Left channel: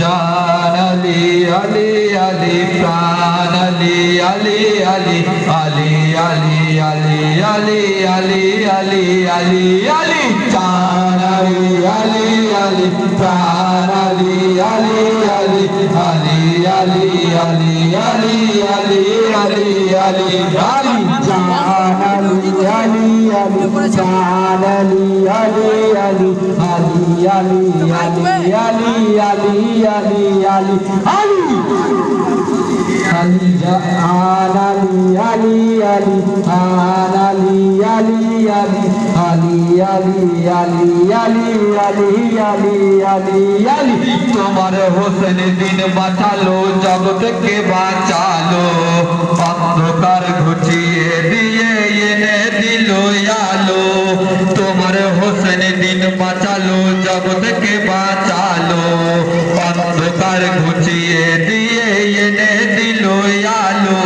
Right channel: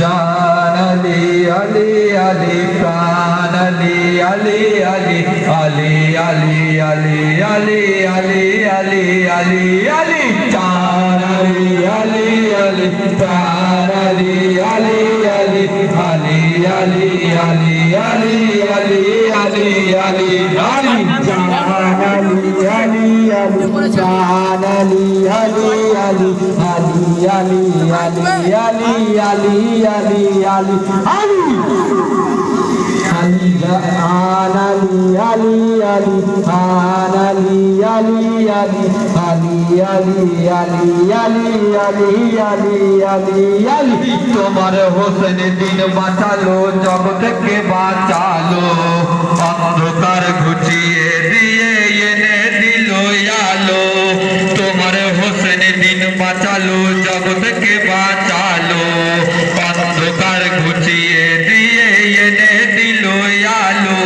জান আলী আলী আলী প্রাণ আলী আলী আলী আলী আলী আলী আলী আলী আলী আলী আলী জান আলী আলী আলী প্রাণ আলী আলী আলী আলী আলী আলী আলী আলী আলী আলী আলী জান আলী আলী আলী প্রাণ Ali Ali Ali Ali Ali Ali Ali Ali Ali Ali Ali Ali Ali Ali Ali Ali Ali Ali Ali Ali Ali Ali Ali Ali Ali তোমার হোসেন দিন বাঁচালো জগৎকে বাঁচালো অন্ধকার ঘুচিয়ে দিয়ে এনে দিল আলো তোমার হোসেন দিন বাঁচালো জগৎকে বাঁচালো অন্ধকার ঘুচিয়ে দিয়ে এনে দিল আলো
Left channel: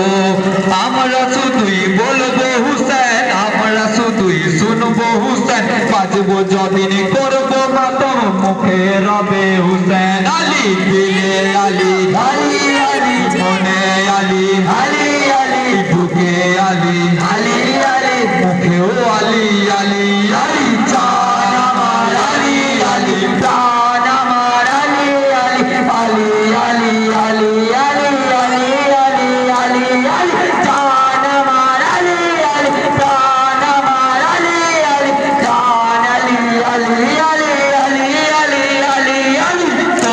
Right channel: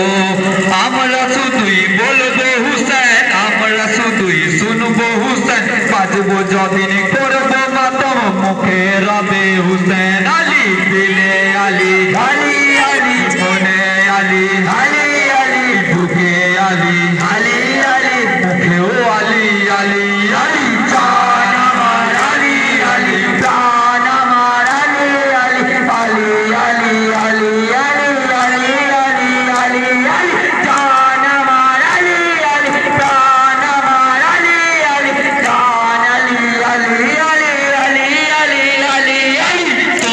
আমরা শুধুই বলবো হুসেন আমরা শুধুই শুনবো হুসেন বাজবো যদিন করবো মাতম মুখে রবে হুসেন আলী দিলে আলী আলী আলী মনে আলী আলী আলী ঢুকে আলী আলী আলী মুখেও আলী আলী আলী জান আমার আলী আলী প্রাণ আমার আলী আলী আলী আলী আলী আলী আলী আলী আলী আলী জান আমার আলী আলী প্রাণ আমার আলী আলী জান আলী আলী আলী আলী আলী আলী আলী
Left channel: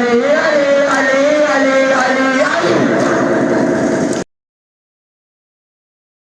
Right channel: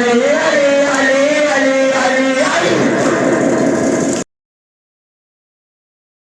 আলী